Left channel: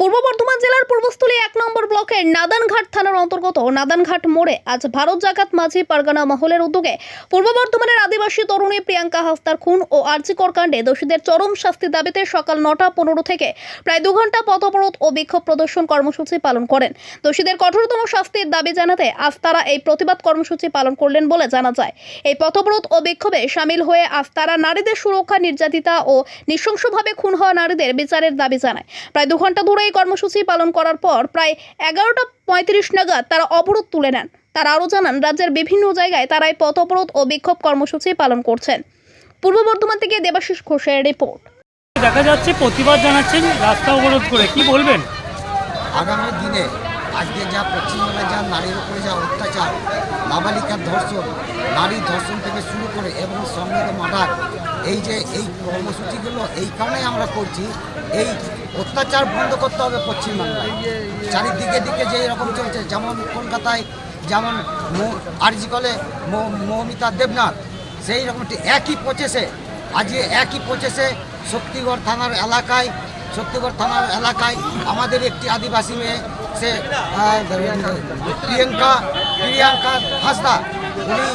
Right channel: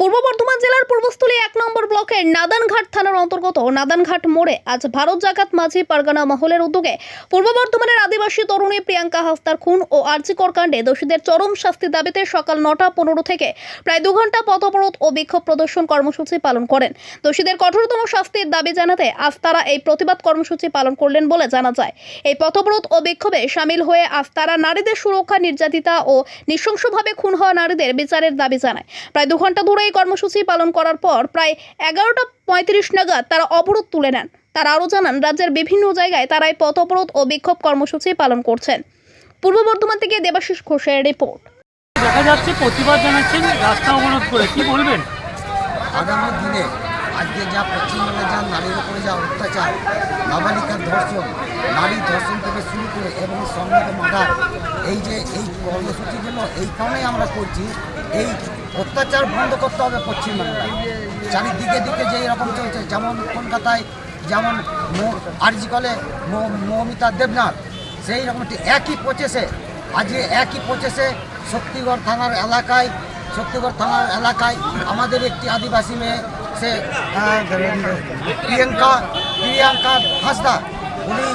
পূর্ব বর্ধমান জেলার পূর্বস্থলী এক নম্বর ব্লকের নাদানঘাট থানার অন্তর্গত নাদানঘাট মোড়ে আজ ভারত জাকাত মাঝি পারগানা মহলের উদ্যোগে পূর্ব বর্ধমানের আদিবাসী তরুণী প্রিয়াঙ্কা হাস্তার খুন ও আর্জিকর কাণ্ডে দোষীদের চরম শাস্তির দাবিতে সকাল নটা পনেরো থেকে প্রায় দু ঘণ্টা পথঅবরোধ ও বিক্ষোভ প্রদর্শন কর্মসূচি পালন করেন। দোষীদের কঠোরতম শাস্তির দাবি জানাতে আজ তারা এই প্রতিবাদ কর্মসূচি পালন করলেন বলে জানা যায়। এই পথঅবরোধ ও বিক্ষোভে সামিল হয়ে আজ তারা নারীদের সুরক্ষা, নির্যাতিতা ও নৃশংসভাবে খুন হওয়া নারীদের বিচারের দাবি জানায়। প্রায় দু ঘণ্টা ধরে এই কর্মসূচি পালন করার পর প্রায় এগারোটা পঁয়ত্রিশ নাগাদ তারা অবরোধ তুলে নেন। তারা আরও জানান রাজ্যের বিভিন্ন জায়গায় তারা এই পথ অবরোধ ও বিক্ষোভ কর্মসূচি পালন করছেন। পূর্ব বর্ধমান থেকে দেবাশিস ঘোষের রিপোর্ট। দেখা যাচ্ছে প্রতিবাদ জানাচ্ছেন রাস্তা অবরোধ করে। কি বলবেন? আগামী দিনে আজকে যা পশ্চিমবঙ্গে যা নারীর উপরে যা অত্যাচার নাবালিকার ধর্ষণ নারী ধর্ষণ থেকে শুরু করে এবং সঙ্গে মার্ডার এই যে এই কর্মসূচিগুলো এই কারণেই আমরা করছি এই অত্যাচার বন্ধ করতে হবে পশ্চিমবাংলায়। চারিদিকে দিকে যে এরকম চলছে, যেমন কলকাতায়, যেমন আরজিকলে মৌমিতা দেবনাথ, সেই রকম একই প্রচেসে আজকে একই প্রচেসে শক্তিগড় থানার এলাকায়, শক্তিগড় থানার এলাকায় আমাদের একটি আদিবাসী মেয়ে, সে প্রিয়াঙ্কা প্রিয়াঙ্কা হাসদা, উনি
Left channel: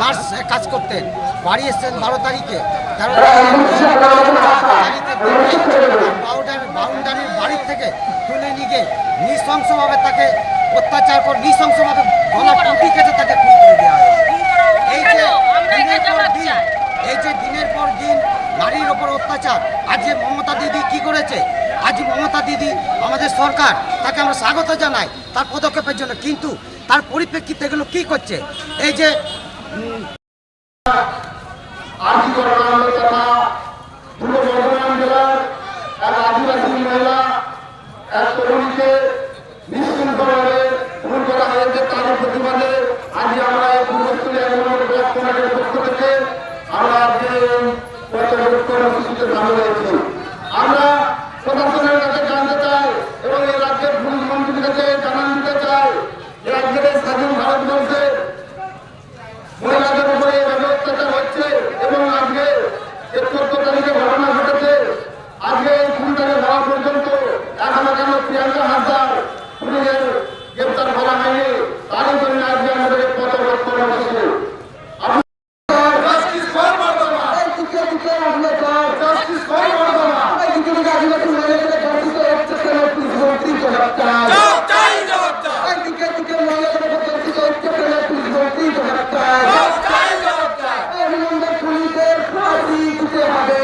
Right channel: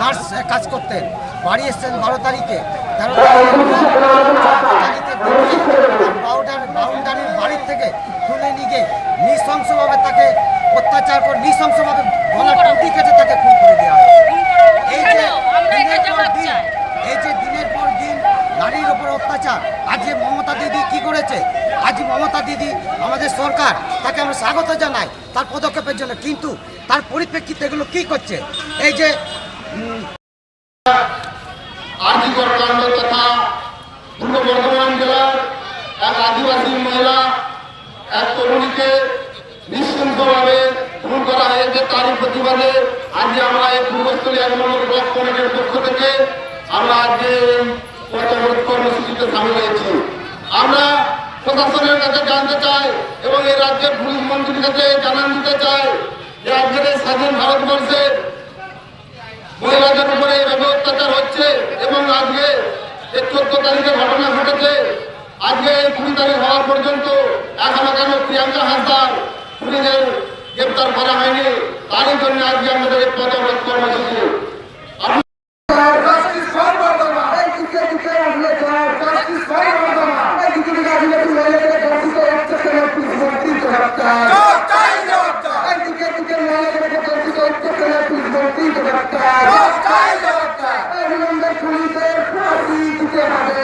নার্স কাজ করতেন। বাড়ি এসছেন বারো তারিখে। তেরো তারিখে বাউন্ডারির বাড়ির থেকে তুলে নিয়ে গিয়ে নৃশংসভাবে তাকে অত্যাচার করে নৃশংসভাবে গলা টুটি কেটে তাকে খুন করে দেওয়া হয়। এই যে দিনের পর দিন এই যে দিনের পর দিন নারীর ওপর অত্যাচার আজ যে মমতা দিদি কি করেছে? আজ মমতা দিদি আমাদের সরকার তাকে আমরা স্বাগত জানাই তার পদক্ষেপের জন্য কিন্তু তার পরিপ্রেক্ষিতে এগুলো কি করছে? এই যে কর্মকাণ্ড তথা পূর্ব বর্ধমান আদিবাসী মহিলা এক তরুণীকে নিঃশৃঙ্খভাবে খুন করা হয়েছে। তারই প্রতিবাদে আজকে আমরা এই পূর্বস্থলী এক নম্বর ব্লক কমিটির পক্ষ থেকে আমরা আজকে কর্মসূচিতে সামিল হয়েছি। আমরা প্রশাসনের কাছে জানতে চাই এবং এই রাজ্যের পুলিশ মন্ত্রীর কাছে জানান দিতে চাই যে আজকের এই স্বাধীন ভারতবর্ষে মহিলাদের উপরে এইভাবে অত্যাচার হচ্ছে এবং আজকে যে চোদ্দ তারিখে ঘটনা ঘটেছে। আজকে এই কুড়ি তারিখ হওয়া পর্যন্ত এখনও কেন প্রিয়াঙ্কা হাসদার পুলিশের গ্রেপ্তার করা হয়নি তারই জন্য আজকে আমাদের এই কর্মসূচি আপনি- পুলিশের ফাঁসি দিতে হবে